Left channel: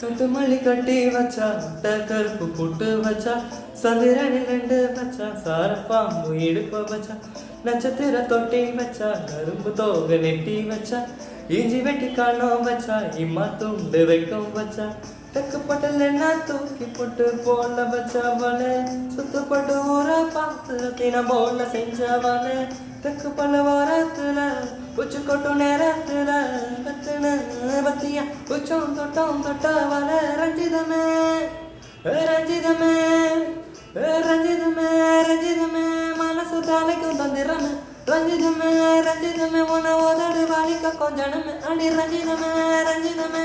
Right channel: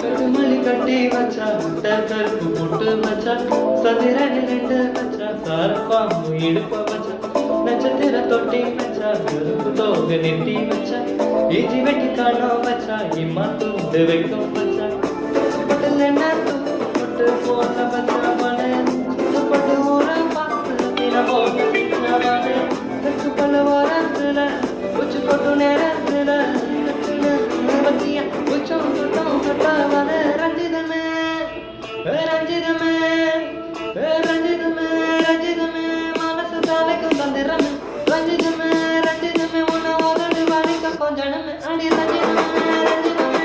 கட்டுமல்லி கட்டி வச்சா முட்டை கருப்பு புட்டு வச்சா சந்திரனி ரெண்டு வச்சா சார பாம்பு இடுப்ப வச்சா நட்சத்திர தொட்டி வச்சா கரும்பு தோக நெட்டி வச்சா இஞ்சி வெட்டி காணோம் வச்சா இம்மா தூண்டு வைக்கும் வச்சா தெக்கப்பட்டில் என்ன தூக்கி போட்டு போல வச்சவன சுத்தப்பட்டு ஊற பார்த்து தின போல செஞ்சவன தெற்கு பல ஓரத்துல உச்சு கொட்டு நேரத்துல கட்டுன பத்தியா உச்சம் தொட்டம் தொட்டவன ரஞ்சிதமே ரஞ்சிதமே ரஞ்சிதமே ரஞ்சிதமே மனசு தலைக்கும் தந்திரமே ரஞ்சிதமே ரஞ்சிதமே உன உதடு வலிக்க கொஞ்சமே அடி ரஞ்சிதமே ரஞ்சிதமே